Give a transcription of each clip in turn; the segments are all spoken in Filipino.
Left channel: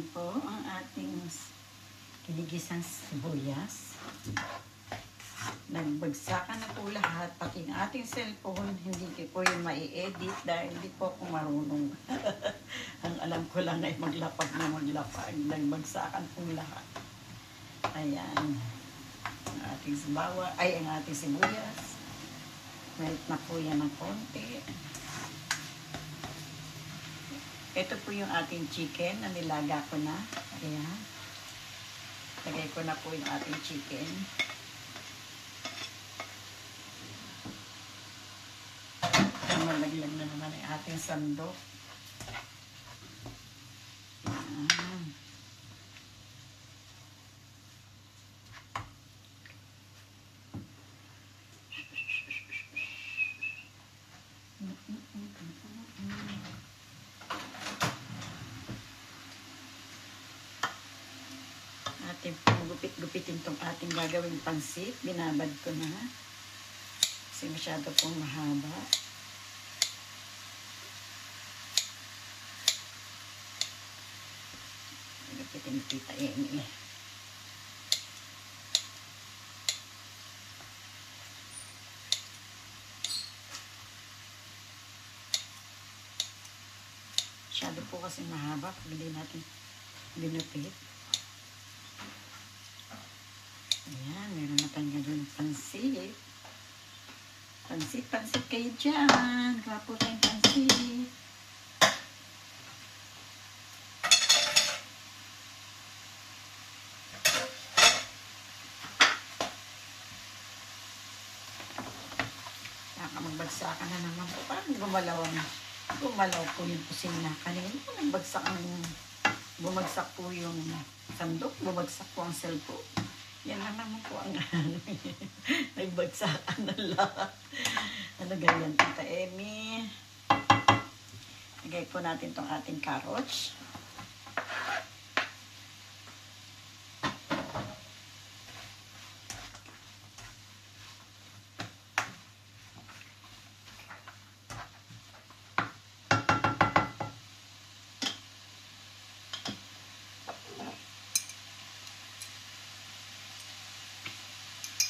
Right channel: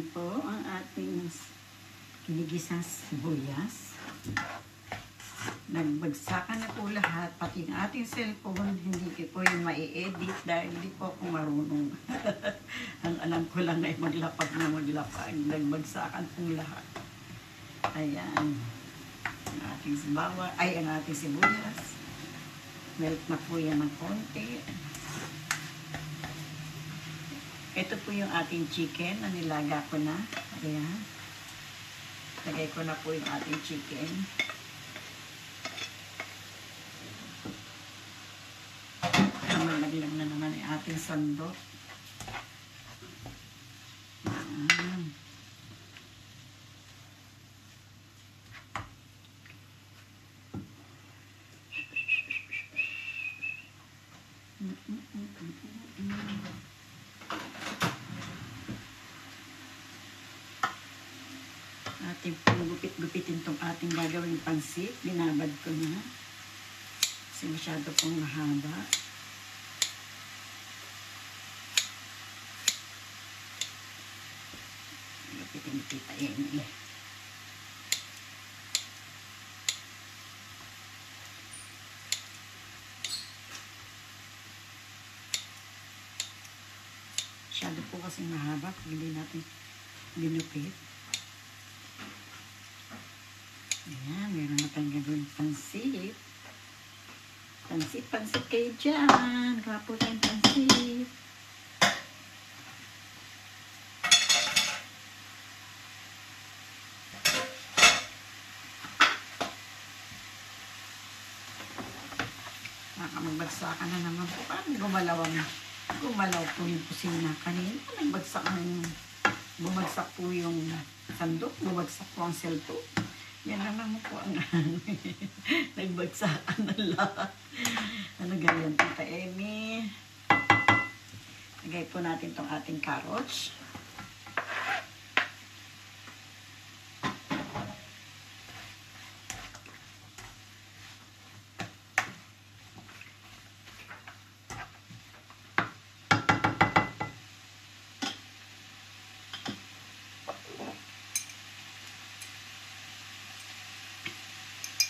Ayan po ang ating kinigisang sibuyas. Nagbagsakan na po lahat, pati ang ating cellphone, hindi ko po yung mai-edit dahil hindi po ako marunong. Ang alam ko lang ay maglapag na maglapag. Nagbagsakan po lahat. Ayan. Ang ating ang ating sibuyas. Melt na po yan ng konti. Ito po yung ating chicken na nilaga ko na. Ayan. Lagay ko na po yung ating chicken. Malaglag na naman yung ating sandok. Ayan. Ating gupit-gupitin itong ating gagawing pansit. Binabad ko na. Kasi masyado pong mahaba. Gupitin kita yan. Masyado po kasi mahaba pag hindi natin binupit. Ayan, meron na tayong gagawin pansit. Pansit kayo dyan. Kapo tayong pansit. Nakamagbagsakan na naman po. Parang gumalaw po yung kusina. Kanina bumagsak po yung sandok. Bumagsak po ang cellphone. Yan na naman po ang nagbagsakan na lahat. Ano ganyan, Tita Emmy? Lagay po natin tong ating carrots.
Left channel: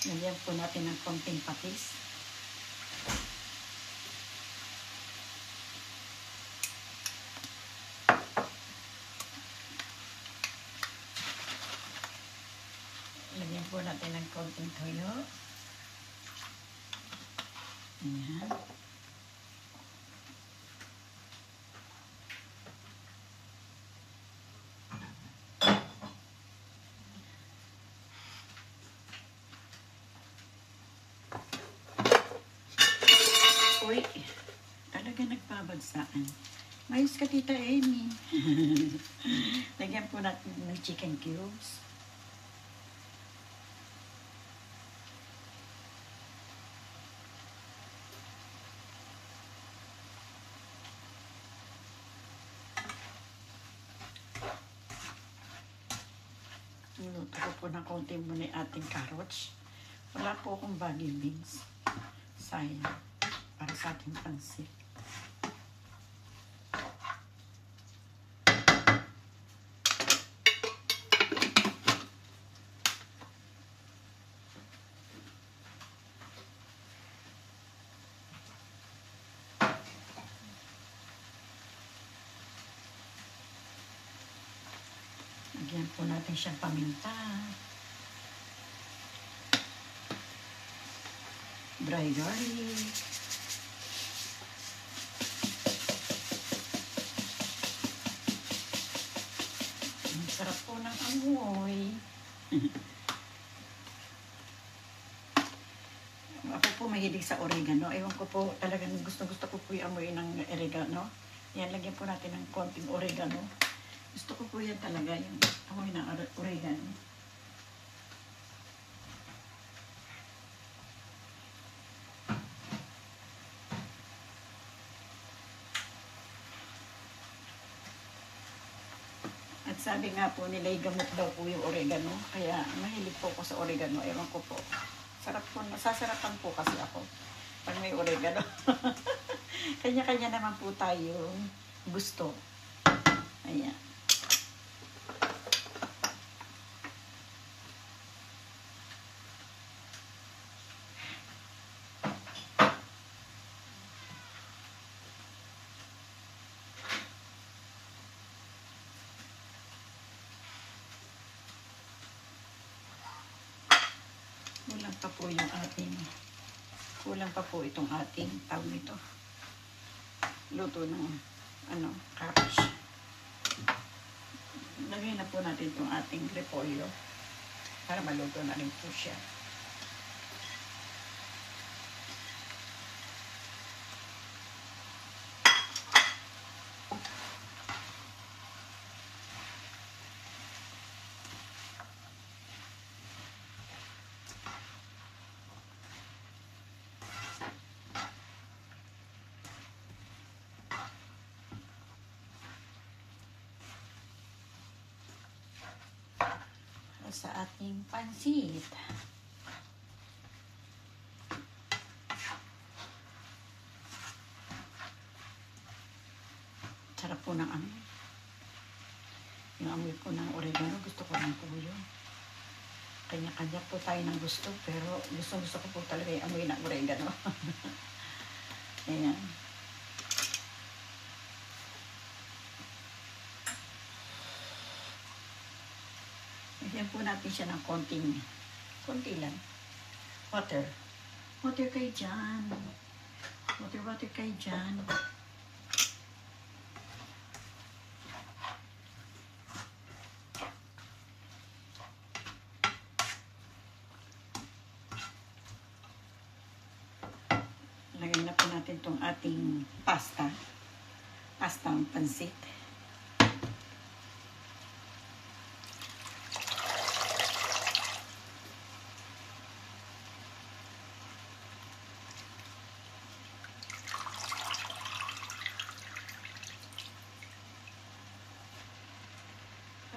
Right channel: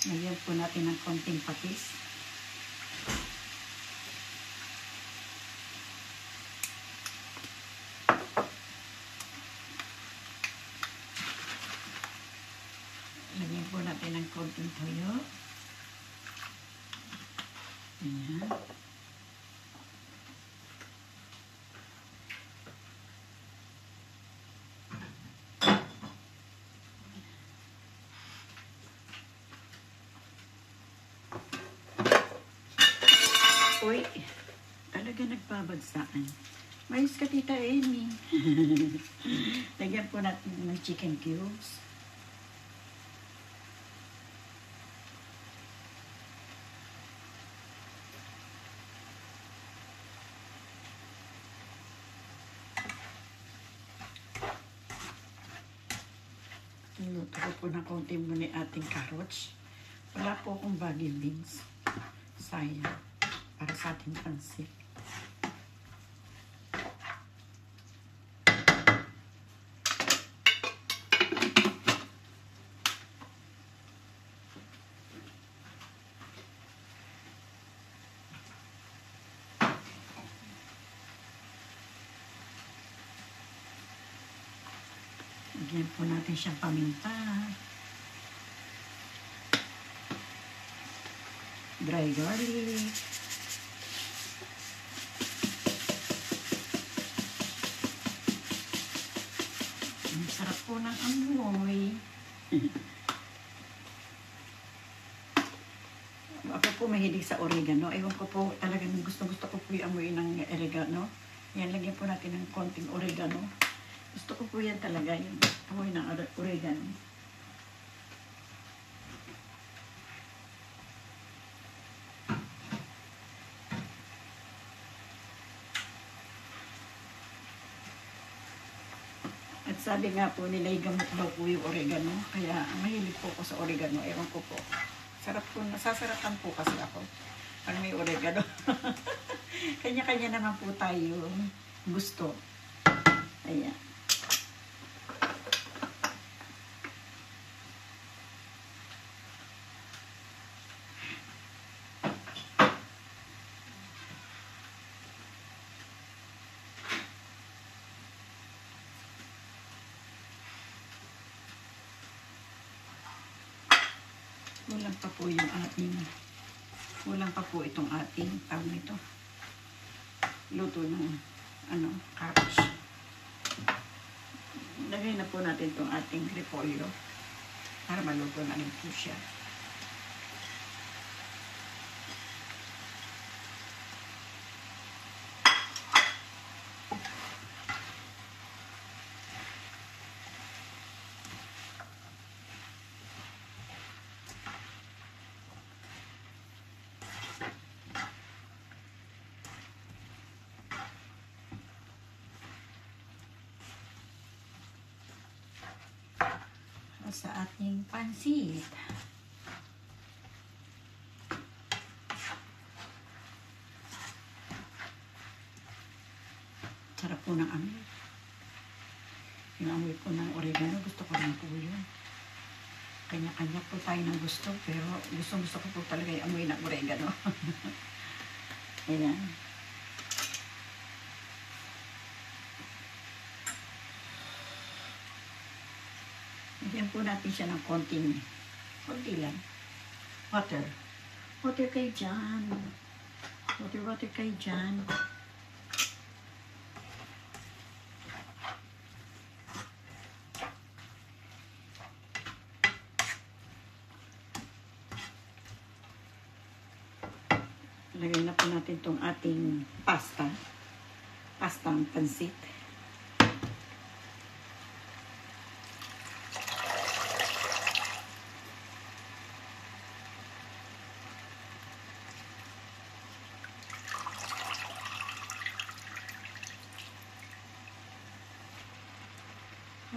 Lagyan po natin ng konting patis. Lagyan po natin ng konting toyo. Ayan. Uy, talaga nagpabagsakan. Mayos ka, Tita Amy. Lagyan po natin ng chicken cubes. Luto ko po ng konti muna yung ating carrots. Wala po akong baggy beans. Sayang. Para sa ating pansit. Lagyan po natin siyang paminta. Dry garlic. Sarap po ng amoy. Ako po mahilig sa oregano. Ewan ko po, talagang gusto ko po yung amoy ng oregano. Yan, lagyan po natin ng konting oregano. Gusto ko po yan talaga, yung amoy ng oregano. At sabi nga po nila, gamot daw po yung oregano. Kaya mahilig po ako sa oregano. Ewan ko po. Sarap po, sasarapan po kasi ako pag may oregano. Kanya-kanya naman po tayo gusto. Ayan. Kulang pa po itong ating tawag nito. Luto ng cabbage. Lagay na po natin itong ating repolyo para maluto na rin po siya. Sa ating pansit. Sarap po ng amoy. Yung amoy po ng oregano, gusto ko rin po yun. Kanya-kanya po tayo ng gusto, pero gusto ko po talaga yung amoy ng oregano. Ayan. Bigyan po natin siya ng konti lang. Water kayo dyan. Water kayo dyan. Lagyan na po natin itong ating pastang pansit.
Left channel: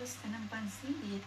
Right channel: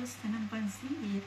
Pasta ng pansit.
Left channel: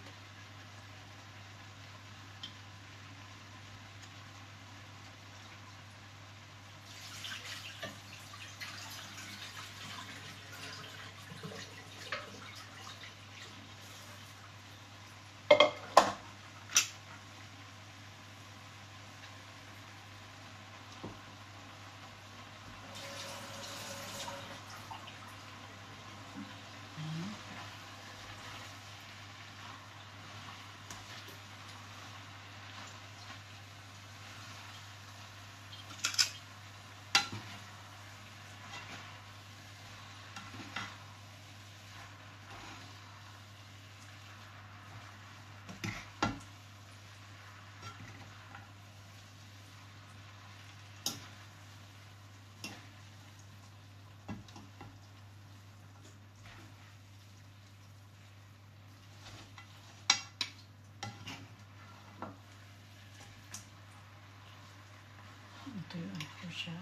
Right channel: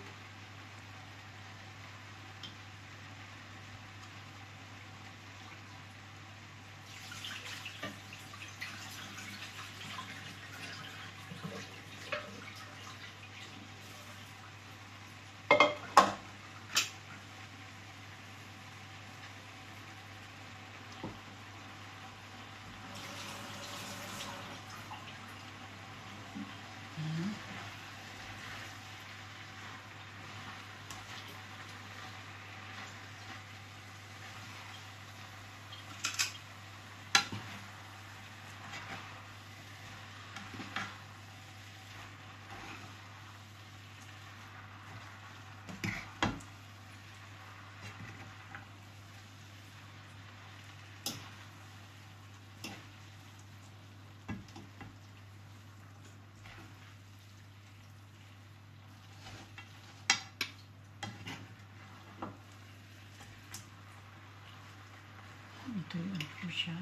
Ito yung po siya.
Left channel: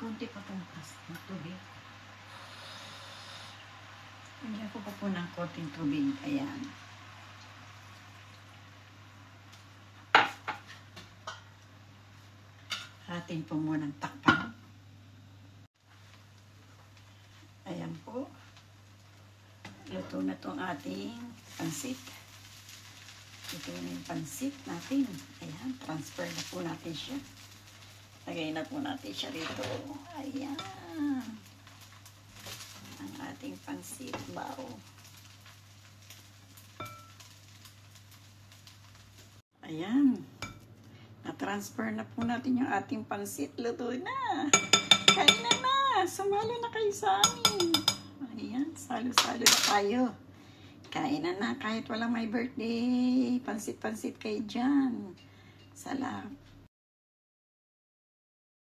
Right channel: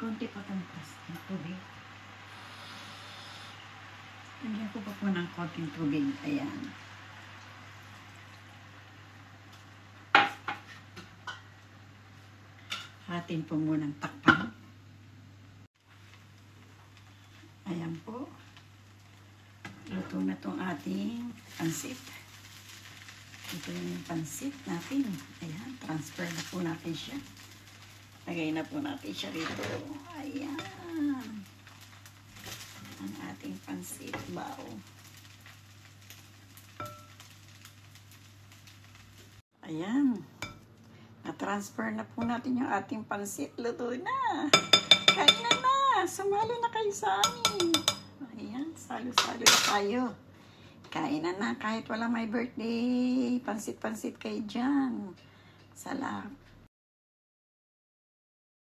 Konti pa itong tubig. Lagyan ko pa po ng konting tubig. Ayan. Hatin po munang takpan. Ayan po. Luto na itong ating pansit. Ito na yung pansit natin. Ayan, transfer na po natin siya. Lagay na po natin siya dito. Ayan. Ang ating pansit bao. Ayan. Na-transfer na po natin yung ating pansit. Luto na. Kain na. Sumalo na kayo sa amin. Ayan, salo-salo na tayo. Kain na kahit walang may birthday. Pansit-pansit kayo dyan. Sarap.